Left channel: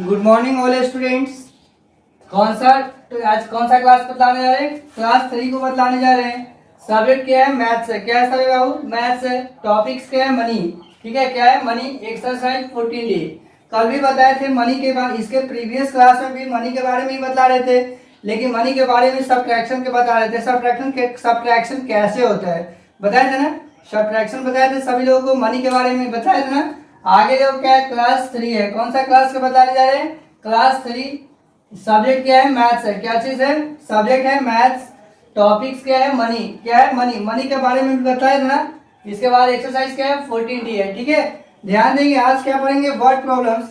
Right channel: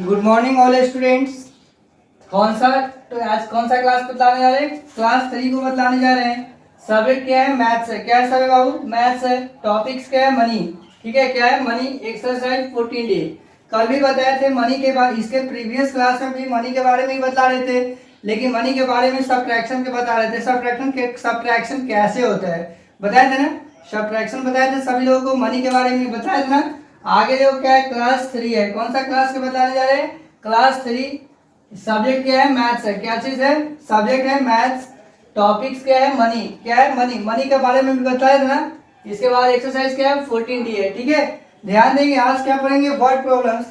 Good morning all students. कौन सा तो आज कौन सा क्लास बतलाने जा रहे हैं? क्लास 3 को बतलाने जा रहे हैं। सब्जेक्ट क्या है? मैथ्स है। क्या है सभी बाबू? मैथ्स है। टॉपिक्स क्या है? मनी। ठीक है, क्या है? मनी। Exercise 14 day. कल भी बताए थे मनी के बारे, इसके प्रीवियस क्लास में भी मनी के बारे में ही बता रहे थे, लेकिन मनी के बारे में सब्ट्रैक्शन के बता रहे थे। सब्ट्रैक्शन कैसे होता है बताए थे ना। सब्ट्रैक्शन बताए थे सभी लोगों को, मनी के बारे में बताए थे ना। आगे जो क्या है, क्लास 3 है। कौन सा क्लास के बताने जा रहे हैं? क्लास 3। सब्जेक्ट क्या है? मैथ्स है। क्या चीज है? सब्जेक्ट है मैथ्स। टॉपिक्स क्या है? मनी। क्या है? मनी। मनी के बारे में भी बताया था ना। इसके बाद एक्सरसाइज क्या है? 14 डी है। ठीक है, ध्यान देंगे। आज क्या पढ़ेंगे? Word problems.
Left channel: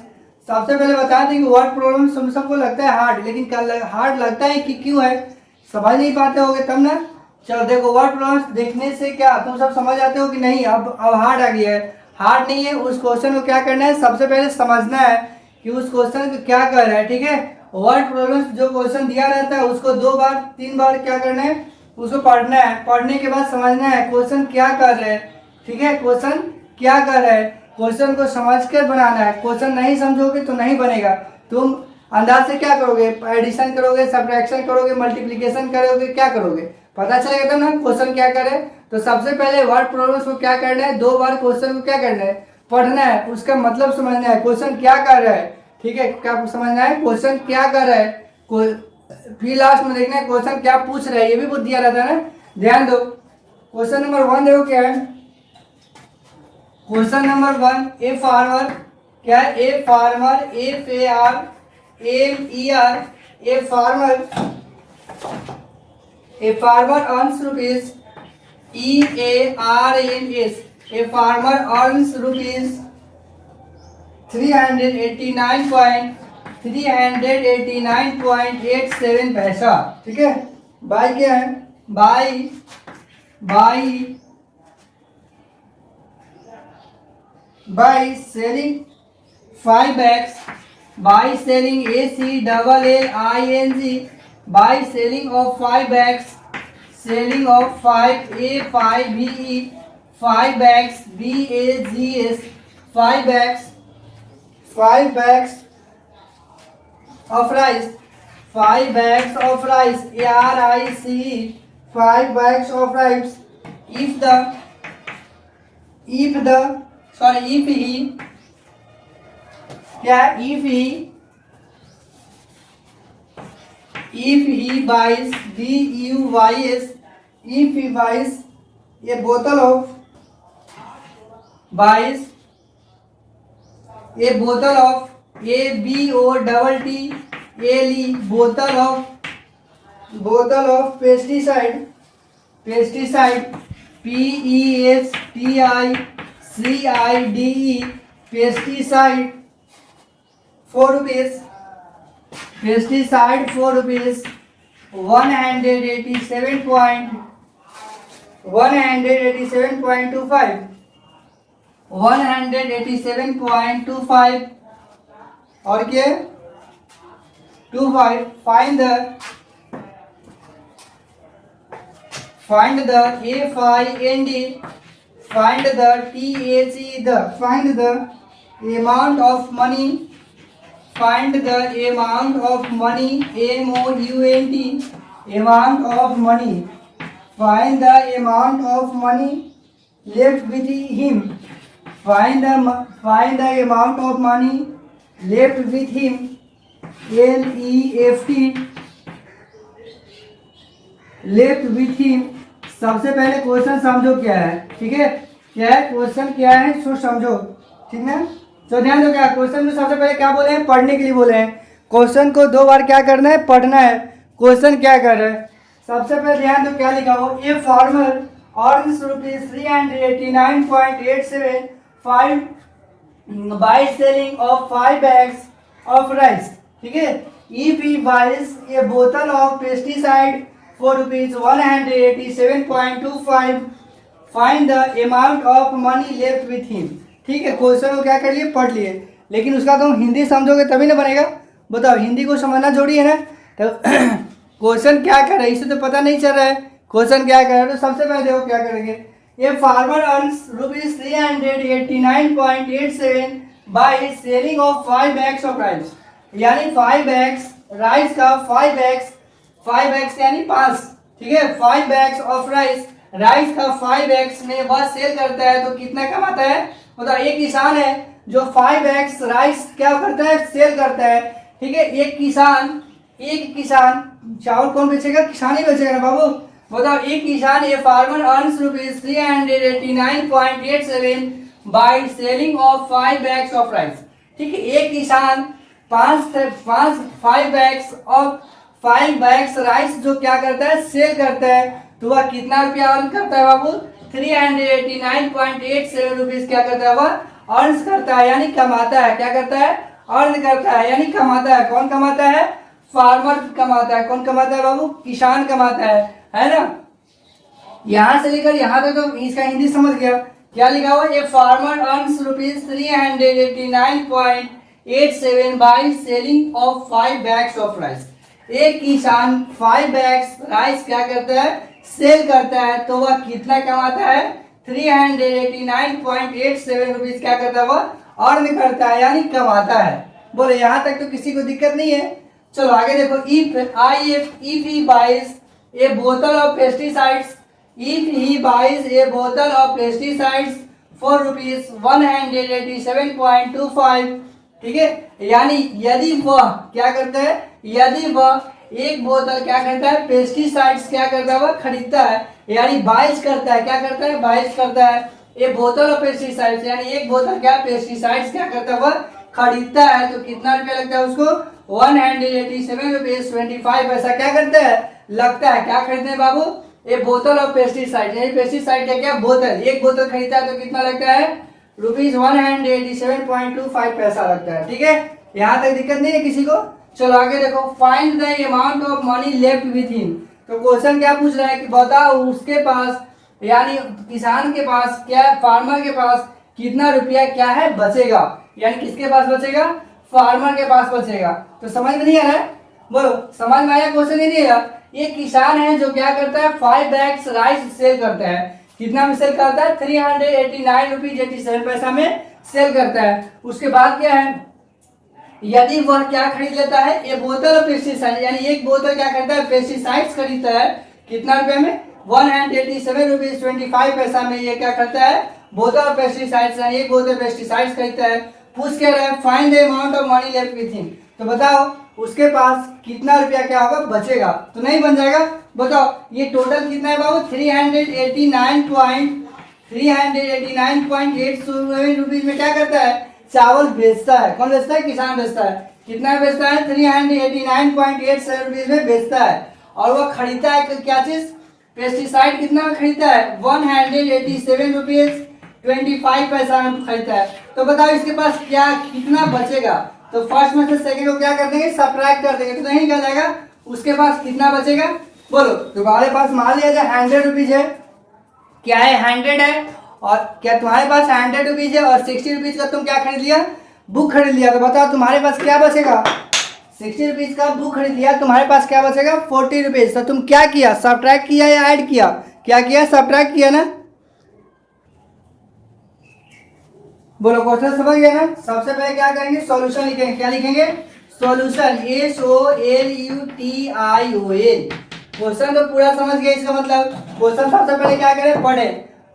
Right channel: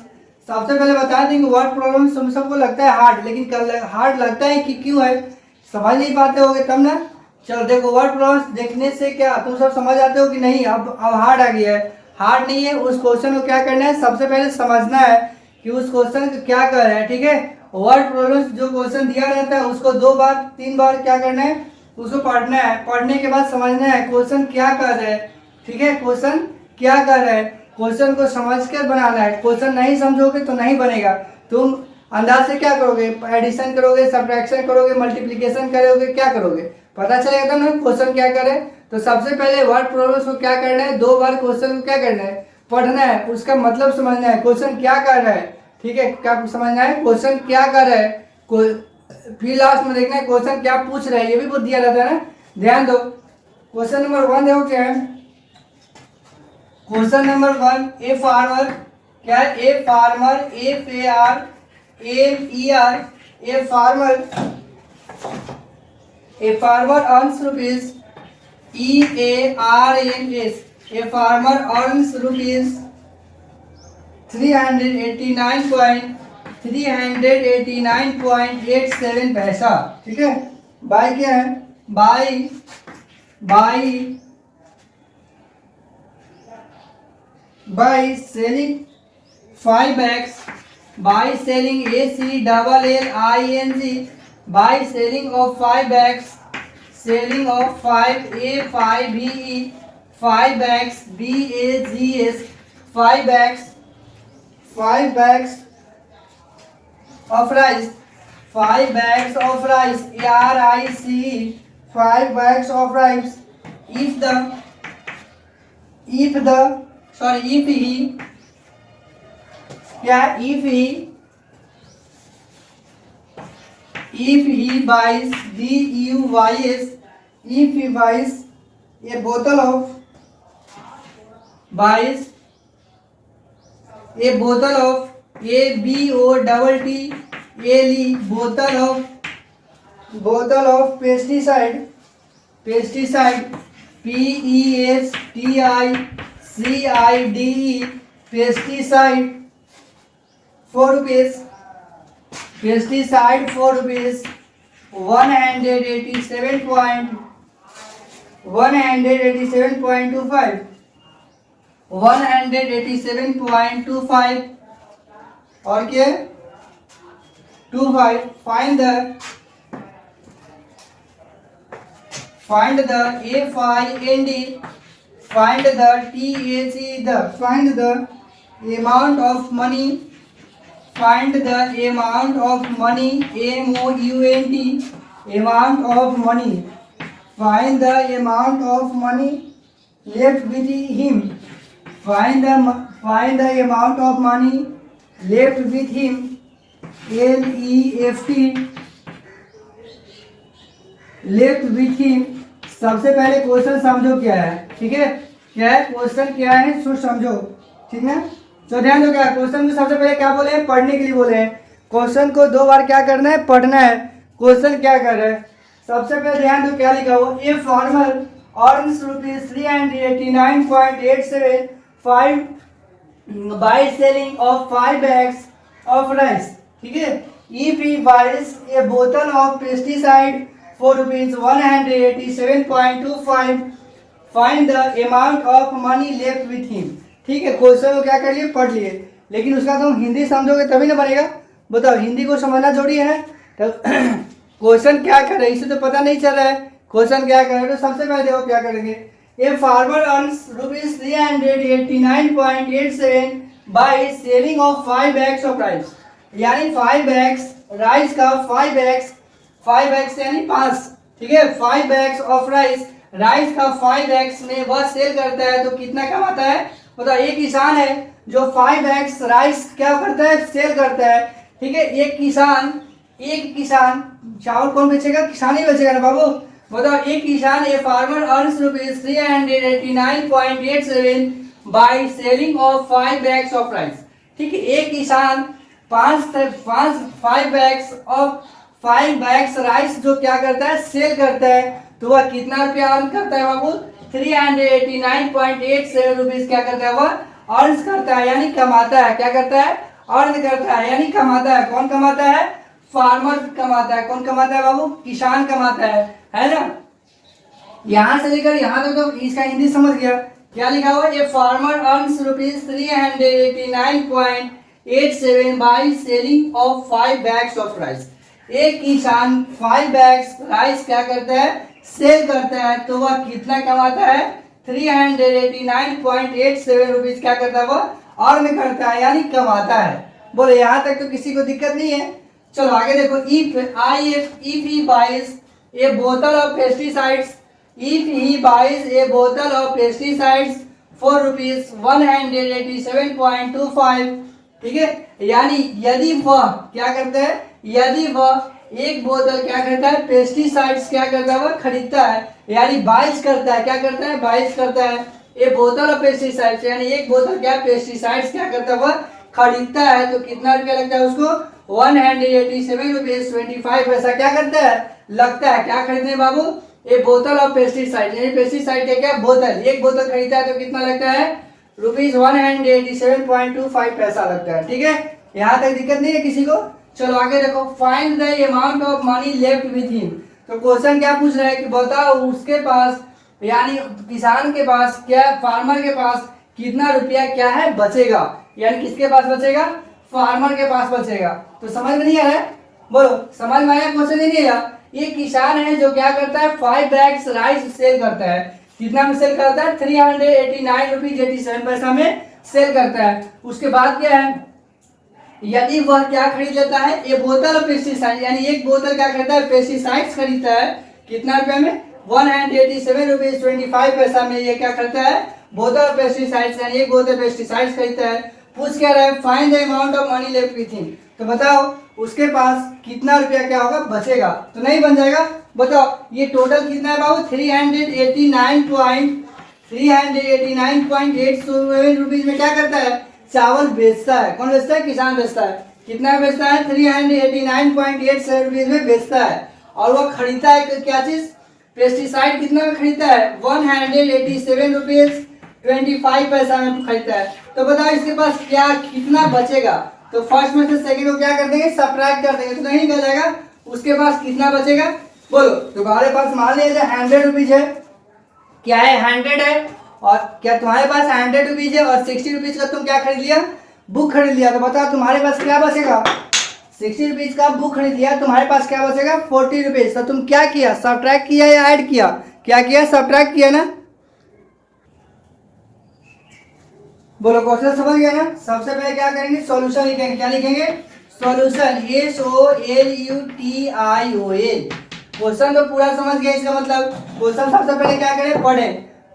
सबसे पहले बता दें कि वर्ड प्रॉब्लम्स तुम सबको लगता है हार्ड, लेकिन हार्ड लगता है कि क्यों है? समझ नहीं पाते होगे तब ना। चलो देखो, वर्ड प्रॉब्लम्स देखने से क्या तुम सब समझ आते हो कि नहीं? अब हार्ड आ गया है। हार्ड नहीं है। उस क्वेश्चन को क्या करना है? सबसे पहले समझना है कि उस क्वेश्चन को क्या कर रहा है। ठीक है, वर्ड प्रॉब्लम्स जो क्वेश्चन दिया रहता है उसको 2 बार 3 बार क्या करना है? उसको पढ़ना है। पढ़ने के बाद समझना है क्वेश्चन क्या कर रहा है। ठीक है, क्वेश्चन क्या कर रहा है, क्वेश्चन को समझ कर बनाना है। क्वेश्चन नहीं समझोगे तो नहीं बनेगा। तुम अंदाज से क्या करोगे? एडिशन करोगे, सब्ट्रैक्शन करोगे, मल्टीप्लिकेशन करोगे, क्या करोगे? पता चलेगा तब ना क्वेश्चन क्या करे। तो सबसे पहले वर्ड प्रॉब्लम्स को क्या करना है? 2 बार क्वेश्चन को क्या करना है? पढ़ना है, उसका मतलब समझना है, क्वेश्चन क्या कर रहा है। ठीक है, क्या समझना है? क्वेश्चन क्या कर रहा है। फिर लास्ट में देखना है क्वेश्चन क्या पूछ रहा है। ये भी बुद्धि दिया रहता है ना, ध्यान दो। क्वेश्चन नंबर 1 देखो क्या है। Question number 1, a farmer. क्या है? A farmer, FARMER। A farmer, a farmer earns rupees, EARNS। A farmer earns rupees 389.87 पैसा। ठीक है, बाय क्या है? By by selling 5 bags, by selling ACLLING, by selling of 5 bags, selling of 5 A5BE, 5 bags BAGS, 5 bags of rice, 5 bags of rice ARICE, 5 bags of rice. If he क्या? if he buys BUYS, if he buys a bottle of ABOTTLE, bottle of pesticide PESTICIDE, pesticide 4 rupees, pesticide 4 rupees, 187.25, 187.25 और क्या? 25. Find the FIND, find the find the amount of money, find the amount of money, AMOUNT, amount of money, find the amount of money left with him, find the amount of money left with him, LEFT, left with him। सबसे पहले question समझो क्या है। ठीक है, क्या है question, क्या है सो समझो। ठीक है, तो ध्यान दो। क्या क्वेश्चन को सबसे पहले क्या बोले हैं? पढ़ने के लिए बोले हैं। क्वेश्चन को 2 बार क्या करना है? पढ़ना है। क्वेश्चन क्या कर रहा है? सबसे पहले ध्यान दो क्या लिखा हो। ए farmer earns rupees 389.87 by selling of 5 bags of rice. ठीक है, if he buys a bottle of pesticide for rupees 187.25, find the amount of money left with him। ठीक है, क्वेश्चन को क्या कर लिए? पढ़ लिए, लेकिन उसका तुम हिंदी समझोगे तभी ना बनेगा। बताओ, हिंदी को समझना जरूरी है ना। तो क्वेश्चन क्या कर रहा है इसे तो पता नहीं चल रहा है, क्वेश्चन क्या कर रहा है। तो सबसे पहले देखो क्या करेंगे। ए farmer earns rupees 389.87 by selling of 5 bags of rice. यानी 5x राइस का 5x यानी 5, ठीक है। 5x ऑफ राइस, राइस का 5x में वह सेल करता है तो कितना कमाता है। मतलब एक किसान है जो 5x राइस क्या करता है, सेल करता है, ठीक है। एक किसान चावल कौन बेचेगा, किसान ही बेचेगा ना बाबू। बताओ एक किसान, ए farmer earns rupees 389.87 by selling of 5 bags of rice, ठीक है। एक किसान 5 bags राइस जो क्या करता है, सेल करता है, तो वह कितना रुपया अर्न करता है बाबू, 389.87 रुपीज क्या करता है, वह अर्न करता है, यानी कमाता है। क्या करता है, अर्न करता है, यानी कमाता है। कौन कमाता है, फार्मर कमाता है। कौन कमाता है बाबू, किसान कमाता है ना। यहां से लेकर यहां तक तो इसका हिंदी समझ गया। क्या लिखा हुआ, ए farmer earns rupees 389.87 by selling of 5 bags of rice. एक किसान 5 bags राइस क्या करता है, सेल करता है, तो वह कितना कमाता है, 389.87 रुपीज क्या करता है, वह अर्न करता है, यानी कमाता है। बोले यहां तक तो किसी को दिक्कत नहीं है। चलो आगे देखो, if he buys a bottle of pesticides, if he buys a bottle of pesticides for rupees 187.25, ठीक है। यानी यदि वह क्या करता है, यदि वह एक बोतल क्या करता है, पेस्टिसाइड्स क्या करता है, वह खरीदता है, यानी बाइज करता है। क्या करता है, बाइज करता है। ए बोतल ऑफ पेस्टिसाइड्स यानी एक बोतल क्या पेस्टिसाइड्स क्या करता है, वह खरीदता है, तो कितना रुपया लगता है उसको, 187.25 क्या करता है, लगता है। क्या खरीदने बाबू, ए बोतल ऑफ पेस्टिसाइड, यानी पेस्टिसाइड का क्या, बोतल, एक बोतल खरीदता है तो कितना लगता है, रुपीज 187.25 लगता है, ठीक है। यहाँ तक दिक्कत नहीं है किसी को। चलो आगे देखो, find the amount of money left with him. तो क्वेश्चन क्या पूछ रहा है कि बताओ उसके पास, यानी किसान के पास क्या, फार्मर के पास कितना रुपया क्या है बचेगा, यानी किसके पास बचेगा, फार्मर के पास बचेगा। तो समझ में नहीं आ रहा है, बोलो समझ में आया क्वेश्चन, नहीं आया। ये किसान है जो क्या करता है, 5 bags राइस सेल करता है। कितना में सेल करता है, 389.87 में सेल करता है। उसके बाद क्या है, यदि वह क्या खरीद लेता है, ये बोतल पेस्टिसाइड, यानी एक बोतल क्या खरीदता है, पेस्टिसाइड्स खरीदता है, कितना रुपए में, 187.25 में ये क्या खरीदता है, बोतल पेस्टिसाइड्स, यानी एक बोतल पेस्टिसाइड्स खरीदता है। पूछ क्या रहा है, find the amount of money left with him. तो बताओ उसके पास कितना रुपया क्या होगा, बचेगा। तो नहीं बन जाएगा। बताओ ये टोटल कितना है बाबू, 389.87 रुपीज में क्या करता है, चावल बेचता है। कौन बेचता है, किसान बेचता है। कितना बेचता है, 389.87 रुपीज में बेचता है। और वो खरीदता है क्या चीज, पेस्टिसाइड। कितना में खरीदता है, 187.25 में खरीदता है। तो बताओ इसके पास क्या कितना बचेगा। तो फर्स्ट में से सेकंड को क्या कर देंगे, सब्ट्रैक्ट कर देंगे, तो नहीं कर जाएगा। उसके पास कितना बचेगा, बोलो। तुम्हारे पास मान लिया जाए 100 रुपीज है, क्या है, 100 है। और क्या तुम्हारे पास 100 रुपीज है और 60 रुपीज का तुम क्या खरीद लिया, बुक खरीद लिया। तो बताओ तुम्हारे पास क्या बचेगा, 60 रुपीज का बुक खरीद लिया, तुम्हारे पास क्या बचेगा, 40 रुपीज। तो तुम क्या किया, सब्ट्रैक्ट किया या ऐड किया, क्या किया, सब्ट्रैक्ट किया ना। बोलो क्वेश्चन समझ गया ना। सबसे पहले क्या करेंगे, सॉल्यूशन लिखेंगे। क्या लिखेंगे, सॉल्यूशन, SOLUTION। क्वेश्चन तो पूरा समझ गए, इसका मतलब क्वेश्चन सबसे पहले क्या करें,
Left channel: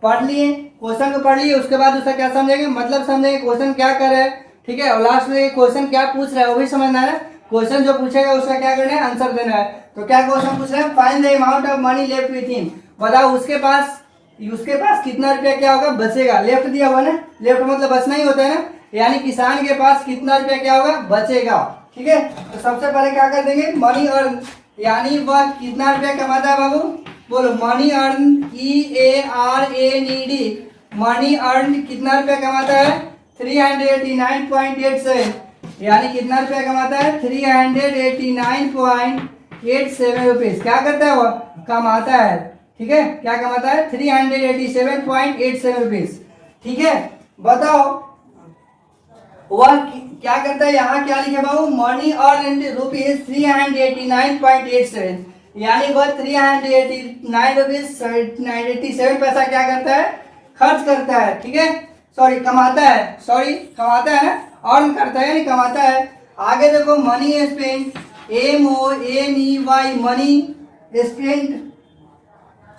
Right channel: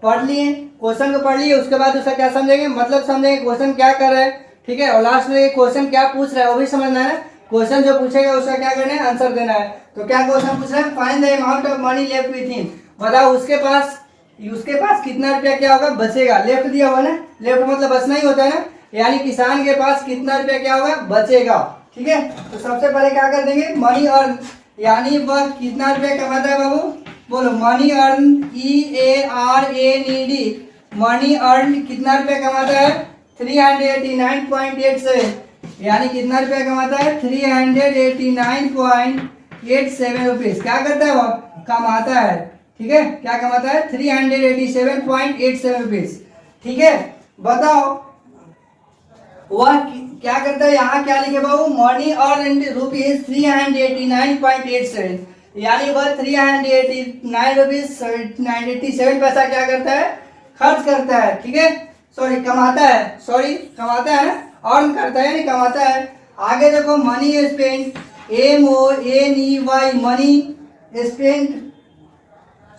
पढ़ लिए, क्वेश्चन को पढ़ लिए, उसके बाद उसका क्या समझेंगे, मतलब समझेंगे, क्वेश्चन क्या कर रहा है, ठीक है। और लास्ट में क्वेश्चन क्या पूछ रहा है वो भी समझना है ना। क्वेश्चन जो पूछेगा उसका क्या करना है, आंसर देना है। तो क्या क्वेश्चन पूछ रहे हैं, find the amount of money left with him. बताओ उसके पास कितना रुपया क्या होगा, बचेगा। लेफ्ट दिया हुआ ना, लेफ्ट मतलब बचना ही होता है ना, यानी किसान के पास कितना रुपया क्या होगा, बचेगा, ठीक है। तो सबसे पहले क्या कर देंगे, मनी अर्न, यानी वह कितना रुपया कमाता है बाबू, बोलो। Money earn, EARNED, money earn कितना रुपया कमाता है, 389.87, यानी कितना रुपया कमाता है, 389.87 रुपीज। क्या करता है वह, कमाता है, ठीक है। क्या कमाता है, 387.87 रुपीज, ठीक है। बताओ वह क्या करता है, यहाँ क्या लिखे बाबू, मनी अर्न रुपीज 389.87, यानी वह 389 रुपीज 87 पैसा क्या करता है, खर्च करता है, ठीक है। कमाता है ना, अर्न करता है यानी कमाता है। आगे देखो money spent, MONEY money spent,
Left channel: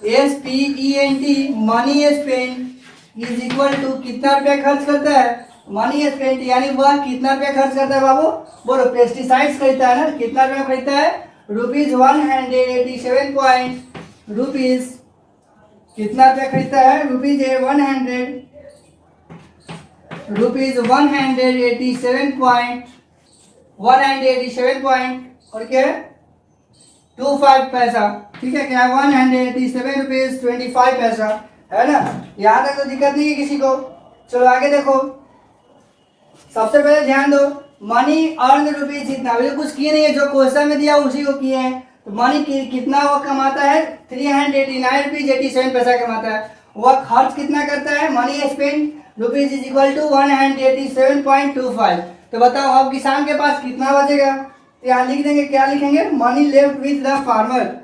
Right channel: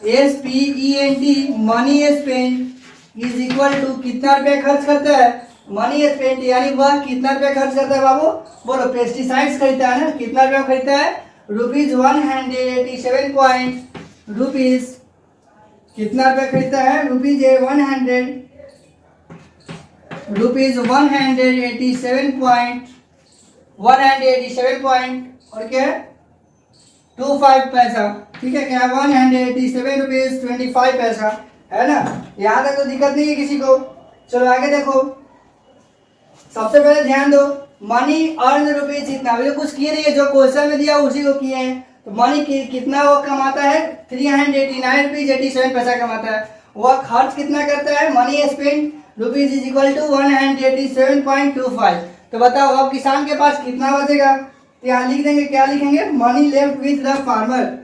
SPENT money spent is equal to कितना रुपया खर्च करता है मनी स्पेंट, यानी वह कितना रुपया खर्च करता है बाबू, बोलो पेस्टिसाइड्स खरीदता है ना, कितना रुपया खरीदता है ₹187 पॉइंट रुपीज, कितना रुपया खरीदता है ₹187 पॉइंट और क्या है 25 पैसा, ठीक है क्या 187 रुपीज 25 पैसा, है ना। यहाँ तक तो दिक्कत नहीं है किसी को। चलो आगे देखो, सबसे पहले ध्यान दो मनी अर्न रुपीज जितना, अभी तो कुछ किए नहीं है, जो क्वेश्चन में दिया उसी को किए हैं। तो मनी कितना वो कमाता है 389 रुपीज 87 पैसा कमाता है। वह खर्च कितना करता है money spend rupees is equal to 187.25। तो बताओ अब किसान के पास कितना बचेगा, तो यहाँ लिख देंगे, क्या लिखेंगे money left with the farmer,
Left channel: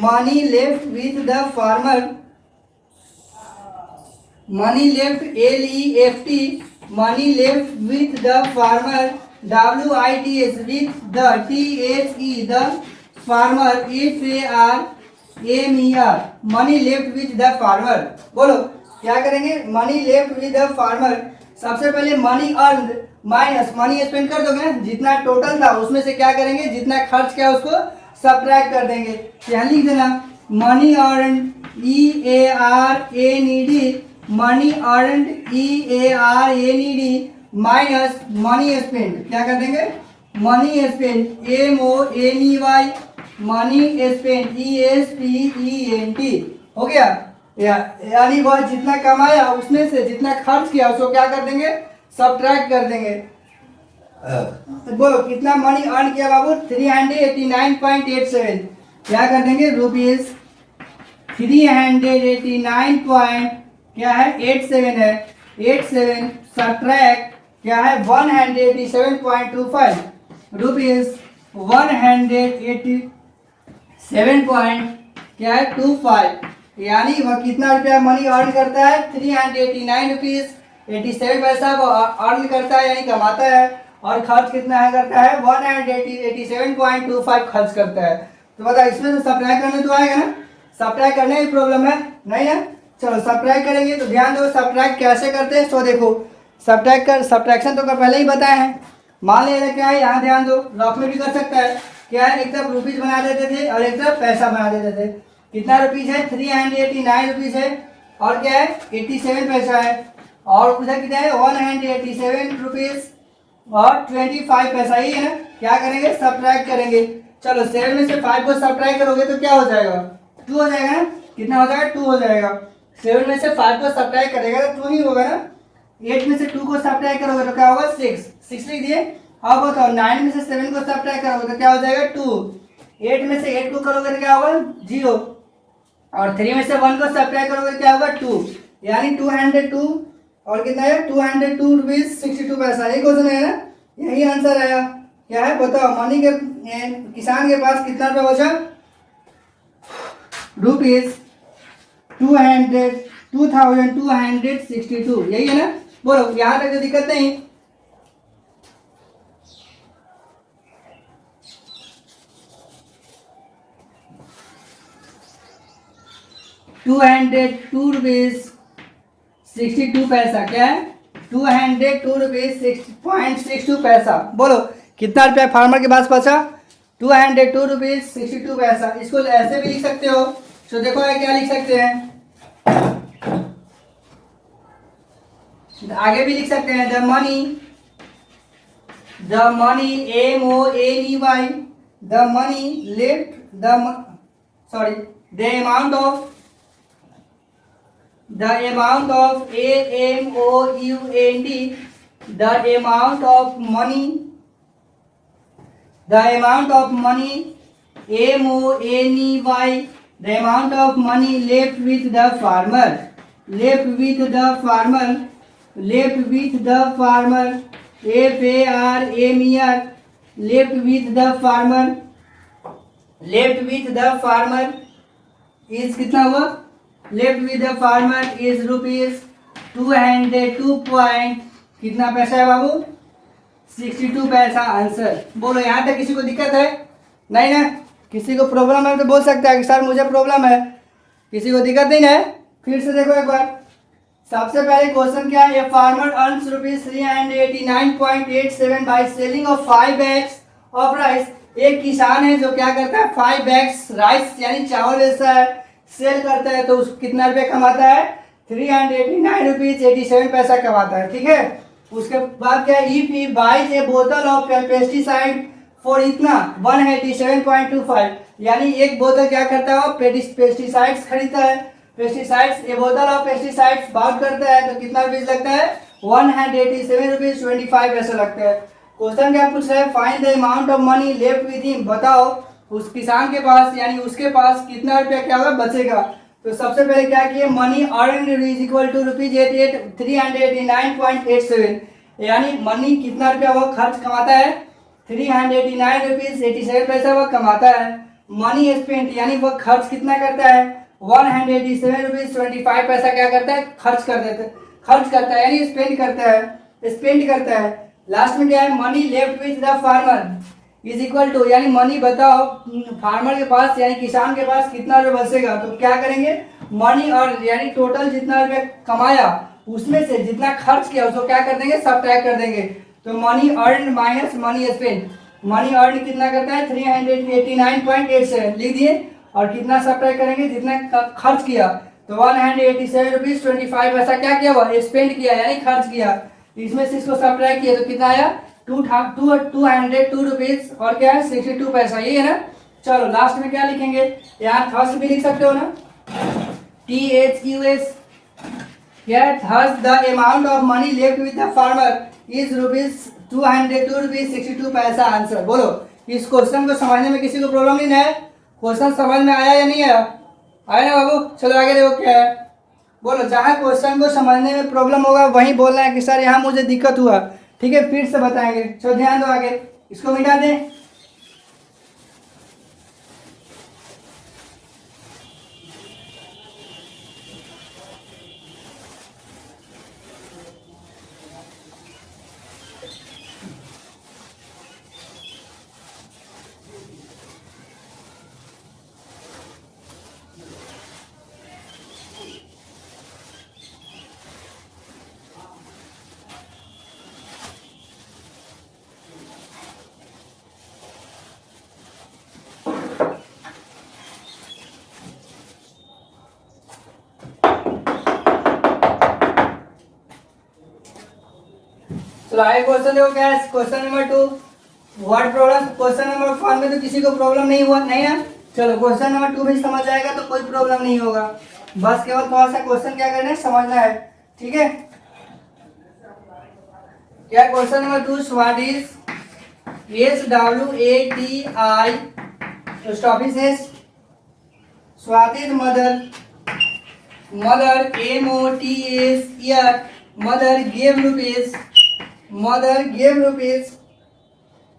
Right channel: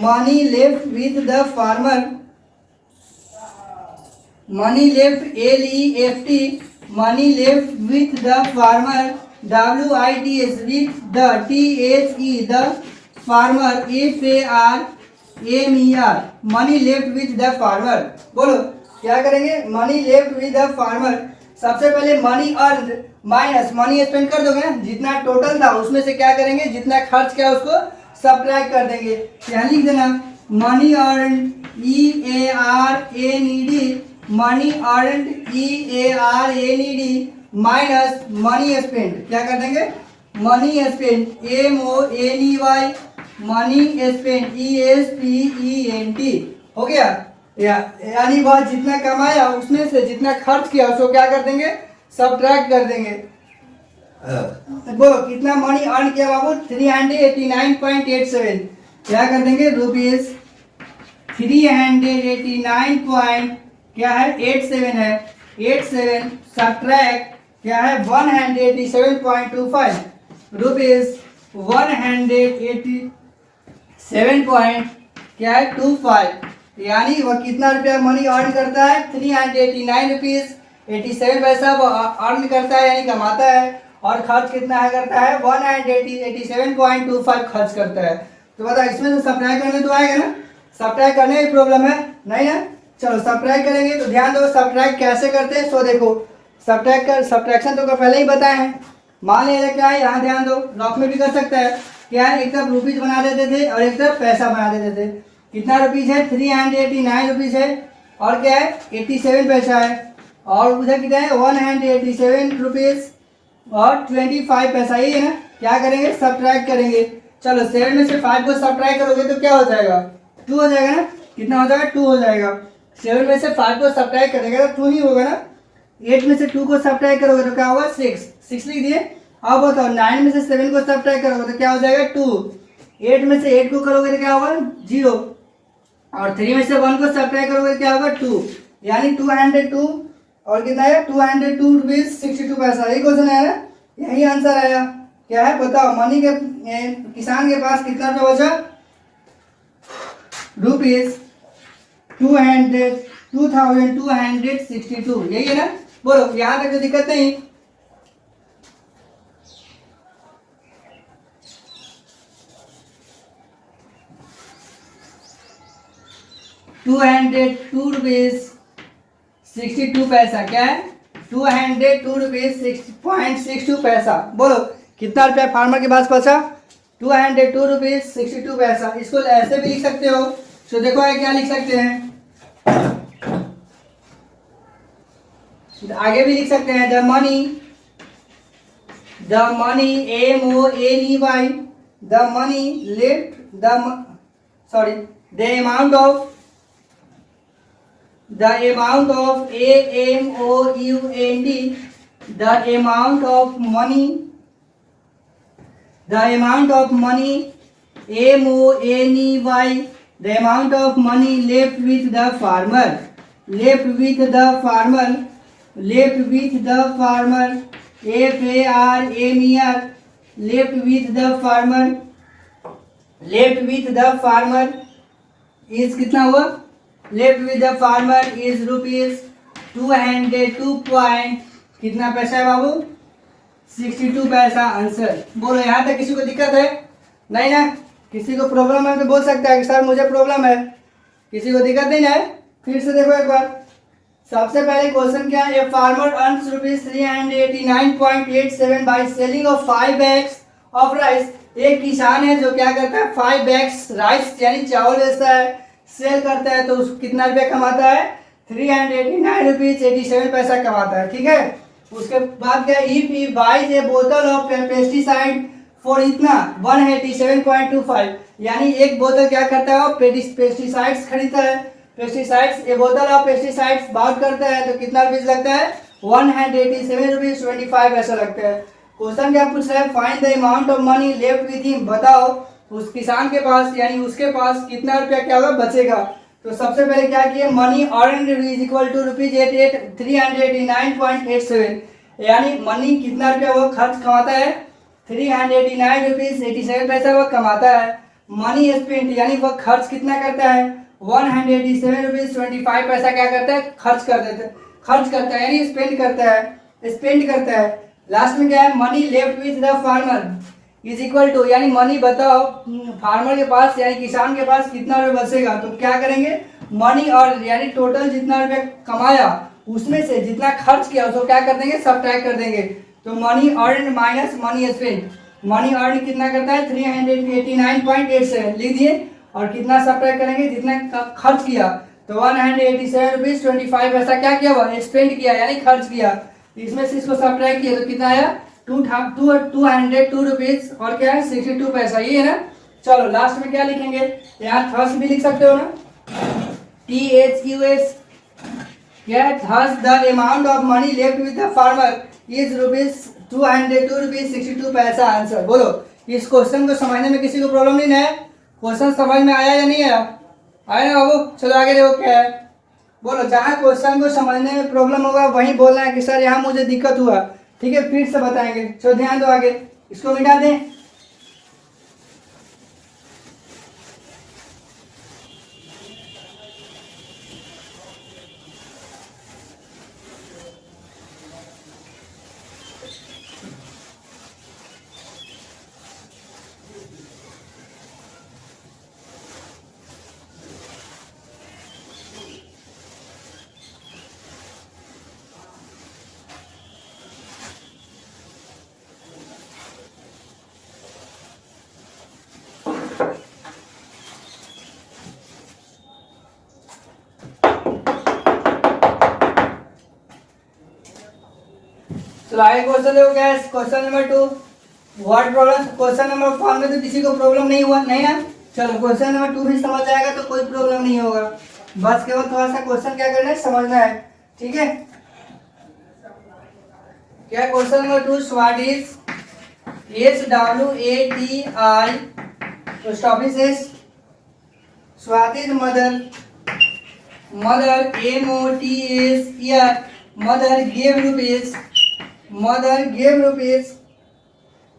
money left with the farmer, money left LEFT money left with the farmer, WITS with the THE the farmer, FARMER money left with the farmer. बोलो क्या करेंगे money left with the farmer. सबसे पहले money earn minus money spend कर दोगे ना, जितना total था उसमें से क्या करेंगे, जितना खर्च किया उसको सब्ट्रैक्ट कर देंगे। यहाँ लिख देना money earn EARNED money earn EARNED minus money spend, क्या कर देंगे money spend MONEY money spend ESPENT, हो गया। यानी वह जितना कमाया उसमें से जितना खर्च किया उसको क्या कर देंगे सब्ट्रैक्ट कर देंगे। बोलो कितना मनी अर्न किया बाबू 389.87, क्या कर देंगे रुपीज 389 क्या है 87 है, 87 सब्ट्रैक्ट क्या है 187.25 रुपीज 187 क्या है 25, यानी वह कितना रुपया मनी अर्न करता है 389 रुपीज 87 पैसा अर्न करता है यानी कमाता है, और खर्च कितना है करता है 187.25 खर्च करता है। तो बता इसमें तो सब्ट्रैक्ट करने तो आएगा ना, सब्ट्रैक्ट करने में प्रॉब्लम है नहीं ना। चलो सब्ट्रैक्ट करेंगे तो ध्यान दो सब्ट्रैक्ट कैसे करते हैं। सो देखो सब्ट्रैक्शन तो पहले ही बताए हैं। मान लीजिए क्या है, यहाँ ध्यान दो, लॉक में भी कर सकता है, क्या है एक तरफ रुपीज बना देते थे और एक तरफ पैसा बना देते थे। कितना रुपीज है 389 रुपीज है और क्या है 87 पैसा है, और उधर कितना है 187 रुपीज और 25 पैसा, ही है ना। क्या करेंगे सब्ट्रैक्ट करेंगे। चलो 7 में से 5 को सब्ट्रैक्ट करोगे तो क्या हो जाएगा 2 हो जाएगा ना, कितना हो जाएगा 2 हो जाएगा। 7 में से 5 को सब्ट्रैक्ट करेगा तो 2 ही होगा ना। 8 में से 2 को सब्ट्रैक्ट करोगे तो क्या होगा 6 लिख दिए। अब बताओ 9 में से 7 को सब्ट्रैक्ट करोगे तो क्या हो जाएगा 2। 8 में से 8 को करोगे तो क्या होगा 0, और 3 में से 1 को सब्ट्रैक्ट करोगे तो क्या होगा 2, यानी 202 और कितना है 202 रुपीज 62 पैसा। यही क्वेश्चन है ना, यही आंसर आया। क्या है बताओ मनी के किसान के पास कितना रुपया बचा रुपीज 2262, यही है ना। बोलो यहाँ तक तो दिक्कत नहीं। ₹202.62 पैसा, क्या है 202.62 पैसा। बोलो कितना रुपया फार्मर के पास बचा 202.62 पैसा। इसको ऐसे भी लिख सकते हो। तो देखो क्या लिख सकते हैं, आगे भी लिख सकते हैं the money MONEY the money left the amount of AMOUNT the amount of money MONEY the amount of money left with the farmer FARMER left with the farmer is कितना हुआ left with the farmer is rupees 202 point कितना पैसा है बाबू 62 पैसा answer. बोलो यहाँ तक किसी को दिक्कत है? नहीं ना? किसी को प्रॉब्लम है तो बोल सकता है कि सर मुझे प्रॉब्लम है। किसी को दिक्कत नहीं है? फिर से देखो एक बार। सबसे पहले क्वेश्चन क्या है? A farmer earns ₹389.87 by selling of 5 bags of rice. एक किसान है जो क्या करता है, 5 बैग्स राइस यानी चावल बेचता है, सेल करता है, तो उसको कितना रुपया कमाता है? ₹389.87 कमाता है। ठीक है, उसके बाद क्या, if he buys a bottle of pesticide for इतना 187.25, यानी एक बोतल क्या करता है, वो पेस्टिसाइड्स खरीदता है, pesticides, A bottle of pesticides bought करता है, तो कितना रुपीज लगता है? 187.25 पैसा लगता है। क्वेश्चन क्या पूछ रहा है? Find the amount of money left with him. बताओ उस किसान के पास यानी उसके पास कितना रुपया क्या होगा, बचेगा। तो सबसे पहले क्या किए, money earn is equal to ₹389.87, यानी मनी कितना रुपया वो खर्च कमाता है? ₹389.87 वो कमाता है। मनी स्पेंट यानी वो खर्च कितना करता है? 187.25 पैसा क्या करता है? खर्च करता है यानी स्पेंड करता है। लास्ट में क्या है? Money left with the farmer is equal to, यानी मनी बताओ फार्मर के पास यानी किसान के पास कितना रुपये बचेगा। तो क्या करेंगे, मनी और यानी टोटल जितना रुपये कमाया उसमें से जितना खर्च किया उसको क्या कर देंगे, सब्ट्रैक्ट कर देंगे। तो money earn minus money spend, money earn कितना करता है? 389.87 लिख दिए, और कितना सब्ट्रैक्ट करेंगे, जितना खर्च किया, तो 187.25 पैसा क्या किया, वह स्पेंड किया यानी खर्च किया। इसमें से इसको सब्ट्रैक्ट किया तो कितना आया? 202 रुपीज और क्या है, 62 पैसा, ये है ना। चलो लास्ट में क्या लिखेंगे, यहाँ थर्स भी लिख सकते हो ना, THUS, क्या है? Thus the amount of money left with the farmer is ₹202.62 पैसा आंसर। बोलो इस क्वेश्चन को समझने में किसी को प्रॉब्लम नहीं है? क्वेश्चन समझ में आया या नहीं आया? आया ना बाबू? चलो आगे देखो क्या है। बोलो जहाँ क्वेश्चन को समझने में प्रॉब्लम होगा वहीं बोलना है कि सर यहाँ मुझे दिक्कत हुआ। ठीक है, फिर से बताएंगे। चलो ध्यान दो, आगे इसको मिटा दें। चलो आगे क्वेश्चन देखो क्या है, question number 2। What problem, question number 1 में तो किसी को प्रॉब्लम नहीं हुआ, नहीं ना। चलो क्वेश्चन नंबर 2 भी समझ जाएगा तो कोई प्रॉब्लम नहीं होगा, बस केवल थोड़ा सा क्वेश्चन क्या करना है, समझना है। ठीक है, क्या question number 2, what is SWATI stop is Swati mother, mother MOTS year, mother gave rupees, mother gave rupees,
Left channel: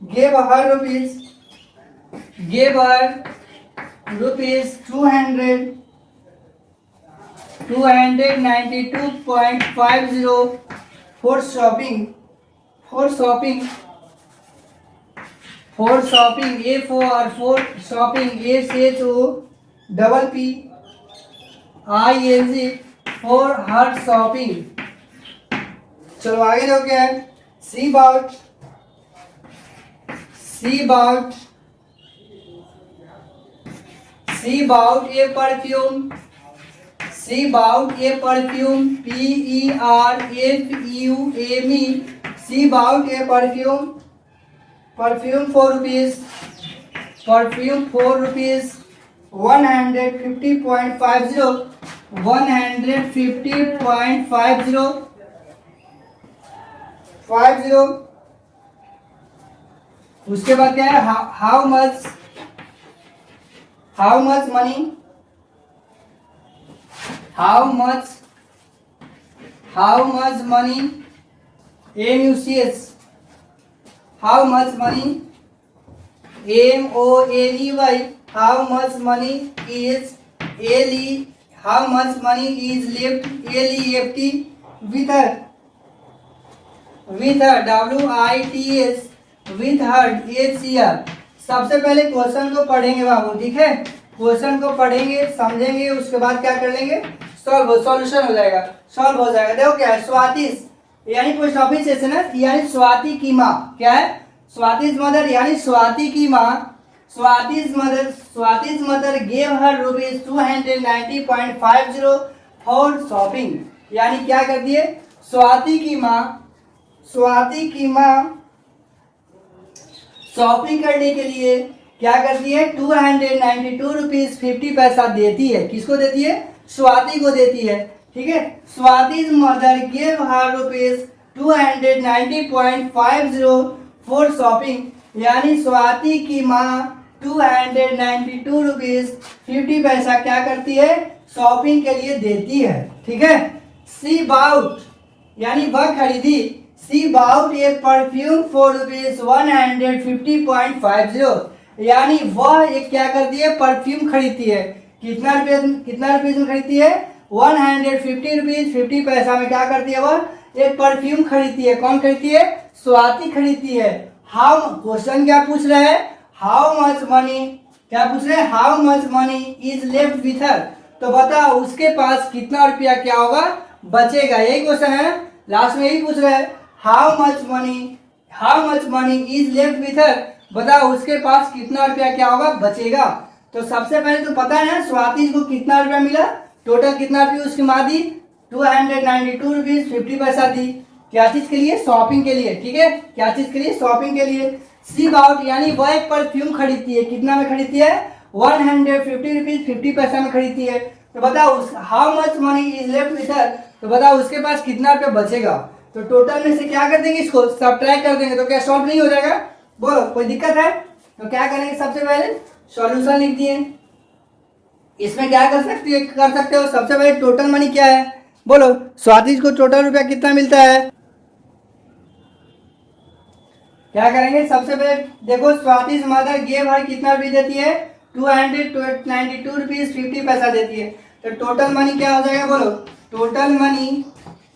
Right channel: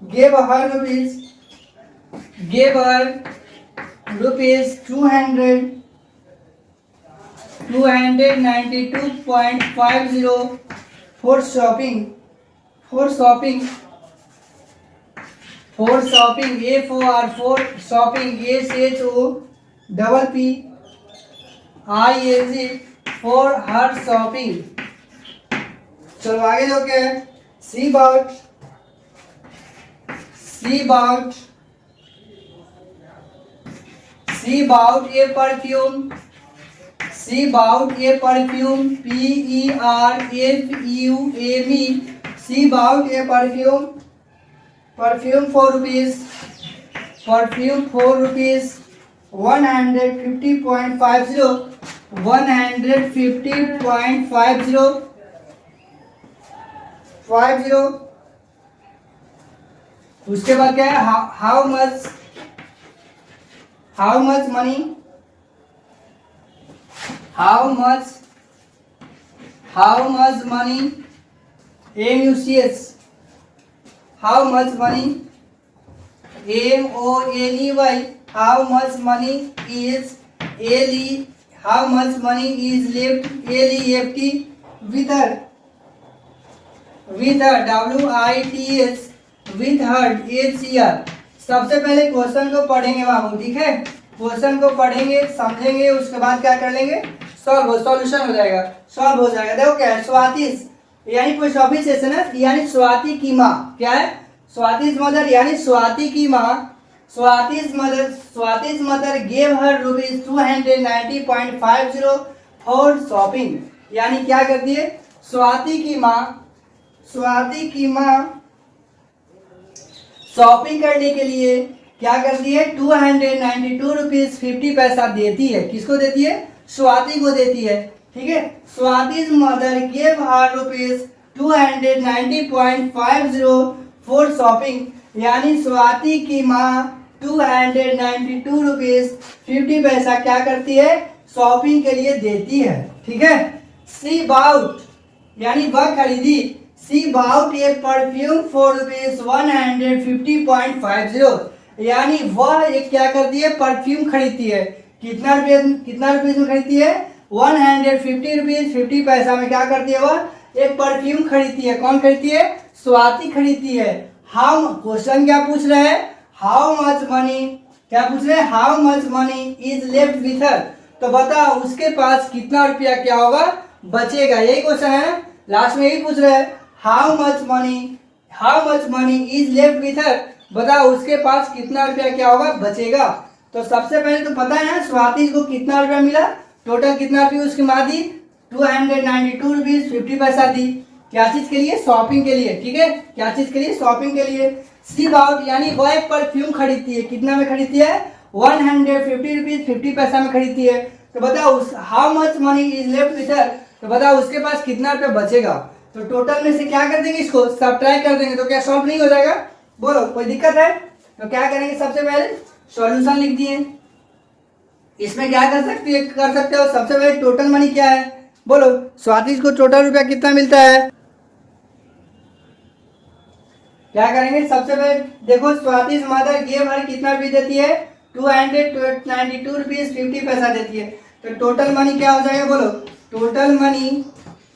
gave her rupees 292.50 for shopping, A for shopping, SHOPPING for her shopping। चलो आगे जो क्या है, she bought a perfume, PERFUME, she bought a perfume 4 rupees, 150.50। उसके बाद क्या है, how much money, MUCH, how much money, MONEY, how much money is LE, how much money is left LEFT with her, with WITH with her HER। सबसे पहले question को पढ़ेंगे बाबू, ठीक है। क्वेश्चन को पढ़ेंगे, समझेंगे, उसके बाद क्या कर लेंगे, सॉल्यूशन हो जाएगा, सॉल्व हो जाएगा। देखो क्या है, स्वातिश यानी पोस्ट ऑफिस सेशन है, यानी स्वाति की माँ, क्या है, स्वातिश मदर यानी स्वाति की माँ, Swati's mother gave her rupees 290.50 for shopping. यानी क्या करती है, स्वाति की माँ शॉपिंग करने के लिए क्या करती है, 292 रुपीज 50 पैसा देती है। किसको देती है, स्वाति को देती है, ठीक है। Swati mother give her rupees 290.50 for shopping, यानी स्वाति की माँ 292 रुपीज 50 पैसा क्या करती है, शॉपिंग के लिए देती है, ठीक है। सी बाउट यानी वह खरीदी, she bought a perfume for rupees 150.50, यानी वह एक क्या करती है, परफ्यूम खरीदती है। कितना रुपीज में खरीदती है, 150 रुपीज 50 पैसा में क्या करती है, वह एक परफ्यूम खरीदती है। कौन खरीदती है, स्वाति खरीदती है। हाउ, क्वेश्चन क्या पूछ रहा है, हाउ मच मनी, क्या पूछ रहे हैं, how much money is left with her. तो बताओ उसके पास कितना रुपया क्या होगा, बचेगा, यही क्वेश्चन है। लास्ट में यही पूछ रहा है, how much money is left with her, बताओ उसके पास कितना रुपया क्या होगा, बचेगा। तो सबसे पहले तो पता है ना स्वाति को कितना रुपया मिला, टोटल कितना रुपया उसकी माँ दी, 292 रुपीज 50 पैसा दी। क्या चीज के लिए, शॉपिंग के लिए, ठीक है। क्या चीज के लिए, शॉपिंग के लिए। सी बाउट यानी वह एक परफ्यूम खरीदती है, कितना में खरीदती है, 150 रुपीज 50 पैसा में खरीदती है। तो बताओ how much money is left with her, तो बताओ उसके पास कितना रुपया बचेगा। तो टोटल में से क्या कर देंगे, इसको सब्ट्रैक्ट कर देंगे, तो क्या सॉल्व नहीं हो जाएगा, बोलो कोई दिक्कत है। तो क्या करेंगे, सबसे पहले सॉल्यूशन लिख दिए। इसमें क्या कर सकते हो, सबसे पहले टोटल मनी क्या है, बोलो स्वाति को टोटल रुपया कितना मिलता है। क्या करेंगे, सबसे पहले देखो स्वाति मदर गेव हर कितना रुपये देती है, 292 रुपीज 50 पैसा देती है। तो टोटल मनी क्या हो जाएगा, बोलो total money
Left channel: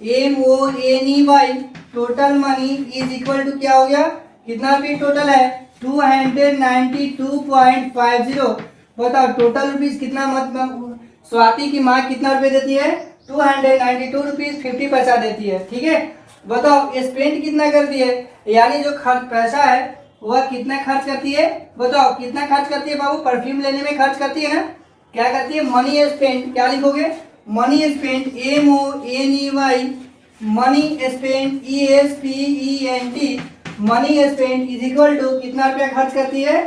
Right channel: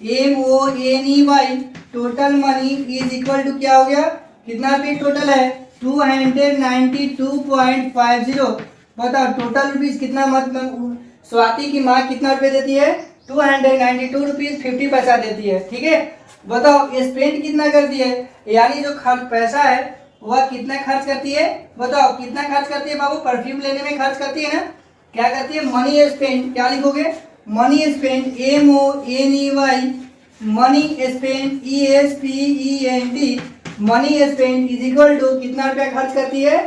MONEY, total money is equal to क्या हो गया, कितना रुपये टोटल है, 292.50। बताओ टोटल रुपीज कितना, मतलब स्वाति की माँ कितना रुपये देती है, 292 रुपीज 50 पैसा देती है, ठीक है। बताओ स्पेंड कितना करती है, यानी जो खर्च पैसा है वह कितना खर्च करती है, बताओ कितना खर्च करती है बाबू, परफ्यूम लेने में खर्च करती है ना। क्या करती है, मनी स्पेंड, क्या लिखोगे, money spend MONEY, money spend ESPEND, money spend is equal to कितना रुपया खर्च करती है,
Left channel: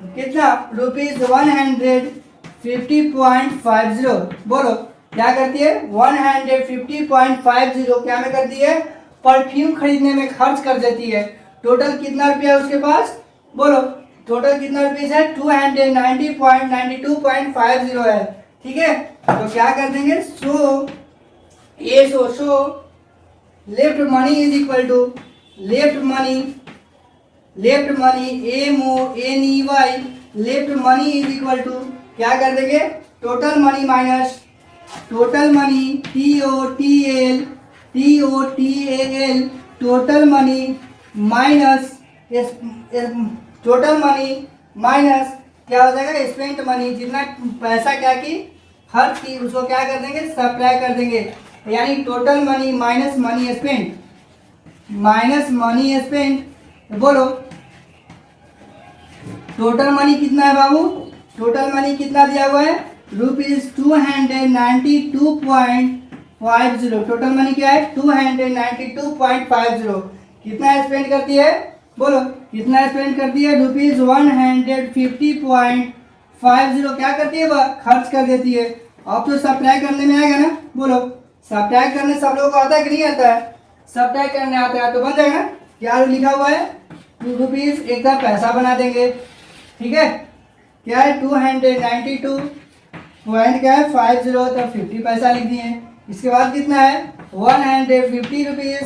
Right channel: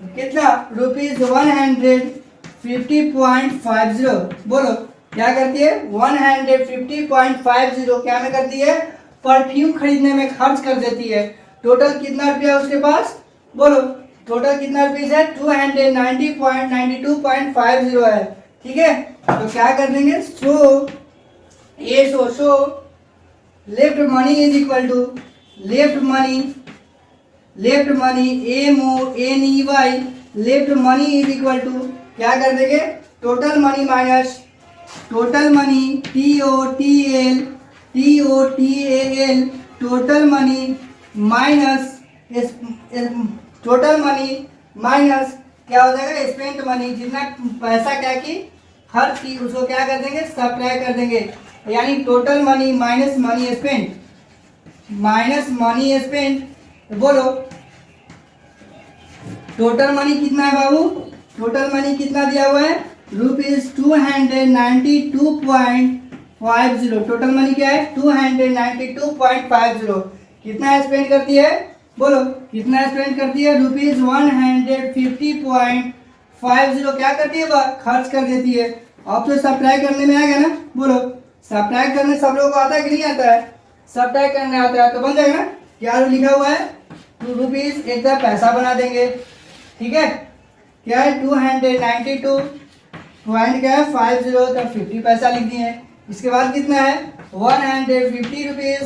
कितना रुपीज 150.50। बोलो क्या करती है, 150.50 क्या में करती है, परफ्यूम खरीदने में खर्च कर देती है। टोटल कितना रुपया उसके पास, बोलो टोटल कितना रुपीज है, 290.92.50 है, ठीक है। तो क्या कर देंगे, so left money is equal to left money MONEY, left money is equal to क्या कर देंगे, total money minus total money TOTAL, total money minus क्या हो जाएगा, स्पेंट मनी, जितना पैसा क्या की खर्च की उसको क्या कर देंगे, सब्ट्रैक्ट कर देंगे। यानी total money minus money spent, बोलो टोटल मनी कितना है बाबू, टोटल मनी कितना दिया हुआ है, रुपीज 292.50। टोटल मनी क्या है, 292.50। कितना स्पेंड करती है, बोलो कितना स्पेंड करती है, रुपीज 150.50 क्या करती है, वह खर्च कर देती है। अब तो सब्ट्रैक्ट करने में आएगा ना, बोलो सब्ट्रैक्ट करने सब लोगों को आता है कि नहीं आता है, सब्ट्रैक्ट करने आता है तो बन जाएगा। क्या लिखा हुआ है, 2 रुपीज एक का पैसा बना देंगे, ठीक है। क्या है, 292.50 तो 50 पैसा लिख दिए। इसके बाद कितना है, 150 रुपीज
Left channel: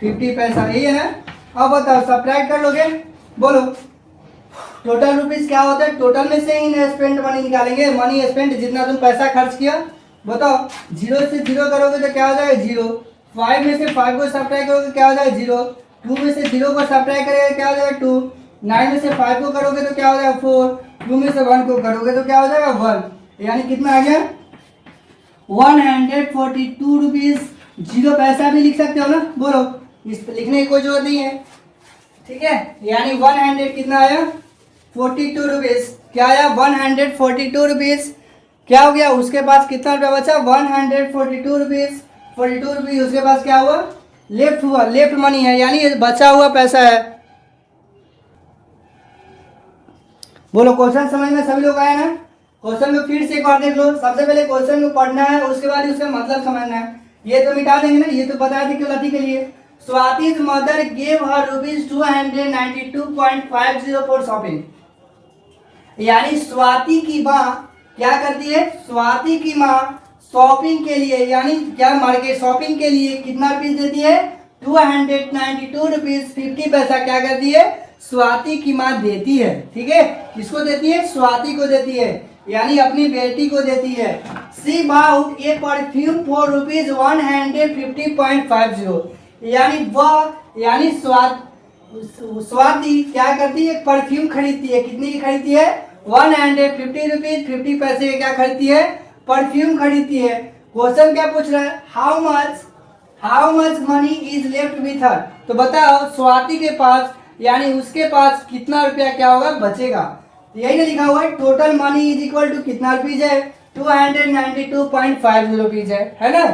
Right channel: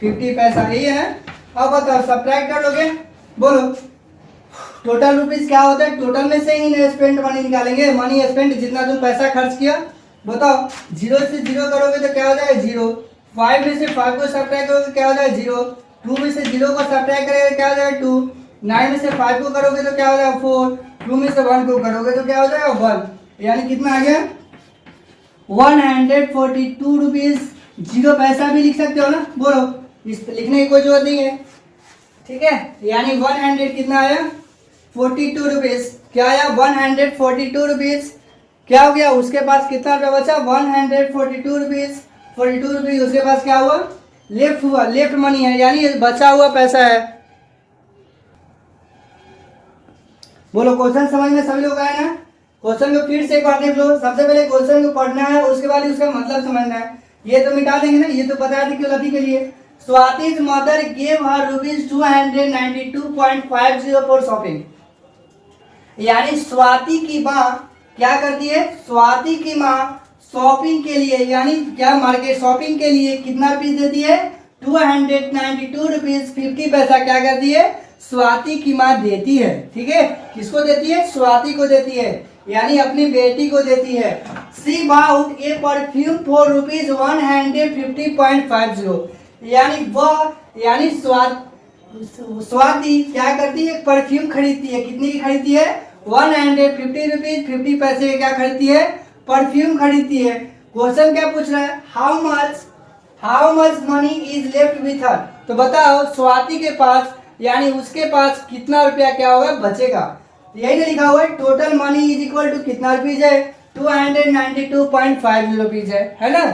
50 पैसा, यही है ना। अब बताओ सब्ट्रैक्ट कर लोगे, बोलो टोटल रुपीज क्या होता है, टोटल में से ही स्पेंड मनी निकालेंगे, मनी स्पेंड जितना तुम पैसा खर्च किया। बताओ 0 से 0 करोगे तो क्या हो जाएगा, 0। 5 में से 5 को सब्ट्रैक्ट करोगे क्या हो जाएगा, 0। 2 में से 0 को सब्ट्रैक्ट करेगा क्या हो जाएगा 2, 9 में से 5 को करोगे तो क्या हो जाएगा 4, 2 में से 1 को करोगे तो क्या हो जाएगा 1, यानी कितना आ गया 142 रुपीज। 0 पैसा भी लिख सकते हो ना, बोलो, इस पे लिखने की कोई जरूरत नहीं है, ठीक है। यानी 100 कितना आया 42 रुपीज, क्या आया 142 रुपीज। क्या हो गया, उसके पास कितना रुपया बचा 142 रुपीज, 42 रुपीज उसके पास क्या हुआ लेफ्ट हुआ, लेफ्ट मनी है, यानी ये बचा हुआ पैसा है। बोलो क्वेश्चन समझ में सभी लोग आए ना। क्वेश्चन को फिर से एक बार देख लो, सबसे पहले क्वेश्चन को पढ़ना है, उसके बाद उसका मतलब समझना है। ये तो मिटा देंगे ना, ये तो बता दी क्यों के लिए। Swati's mother gave her rupees 292.50 for shopping, यानी स्वाति की माँ क्या करती है, स्वाति की माँ शॉपिंग के लिए, यानी क्या मार्केट शॉपिंग के लिए कितना रुपीज देती है 292 रुपीज 50 पैसा क्या करती है स्वाति की माँ देती है, ठीक है। किसको देती है, स्वाति को देती है, यानी अपनी बेटी को देती है। She bought a perfume for rupees 150.50, यानी वह, यानी स्वाति क्या करती है परफ्यूम खरीदती है, कितने की खरीदती है 150 रुपीज 50 पैसे क्या खरीदती है परफ्यूम खरीदती है। क्वेश्चन क्या पूछ रहा है, how much money is left with her, तो बताओ स्वाति के पास यानी उसके पास कितना रुपया क्या होगा बचेगा, यही ना लिखा हुआ है total money is equal to कितना रुपीज है 292.50 रुपीज है ना।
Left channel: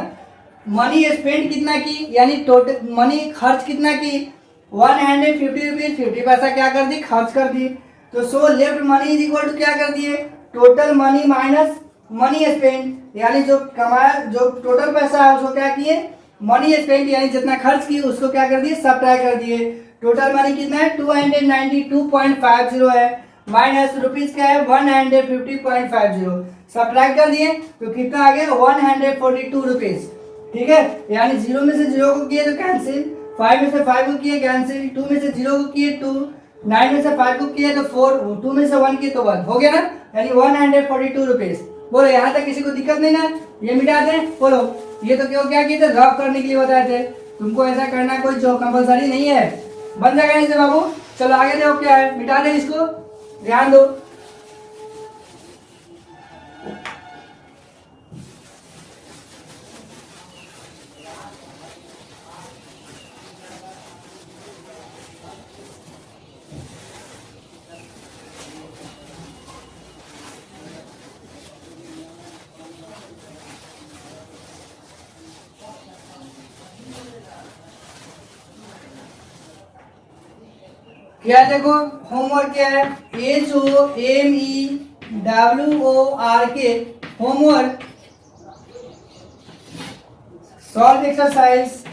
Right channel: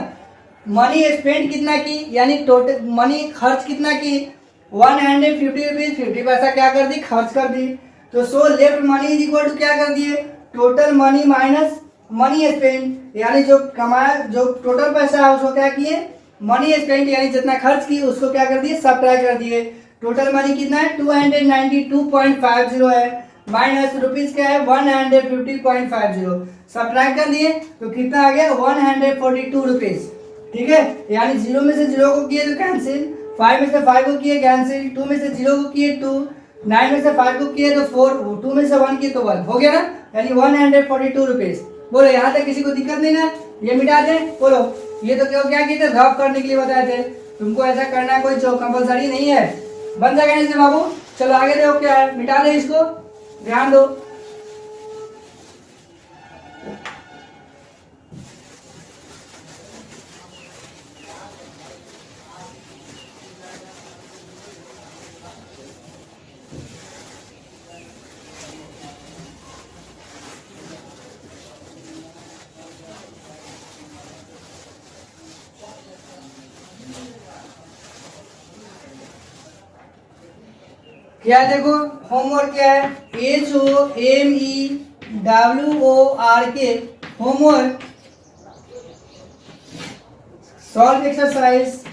मनी स्पेंड कितना की, यानी टोटल मनी खर्च कितना की 150 रुपीज 50 पैसा क्या कर दी खर्च कर दी, तो so left money is equal to क्या कर दिए total money minus money spend, यानी जो कमाया जो टोटल पैसा है उसको क्या किए मनी स्पेंड, यानी जितना खर्च की उसको क्या कर दिए सब्ट्रैक्ट कर दिए। टोटल मनी कितना है 292.50 है, माइनस रुपीज क्या है 150.50, सब्ट्रैक्ट कर दिए तो कितना आ गया 142 रुपीज, ठीक है। यानी 0 में से 0 को किए तो कैंसिल, 5 में से 5 को किए कैंसिल, 2 में से 0 को किए 2, 9 में से 5 को किए तो 4, 2 में से 1 किए तो 1 हो गया ना, यानी 142 रुपीज। बोलो यहाँ तक किसी को दिक्कत नहीं ना, ये मिटा दें, बोलो ये तो क्यों क्या किए थे ड्रॉप करने के लिए बताए थे, तुमको ऐसा करना कोई जो कंपलसरी नहीं है, बन जाएगा इसे बाबू। चलो आगे देखो क्या है, मिटा दे इसको, ध्यान दो। क्या देखो होमवर्क क्या है HOMEWORK होमवर्क, सॉल्व एक्सरसाइज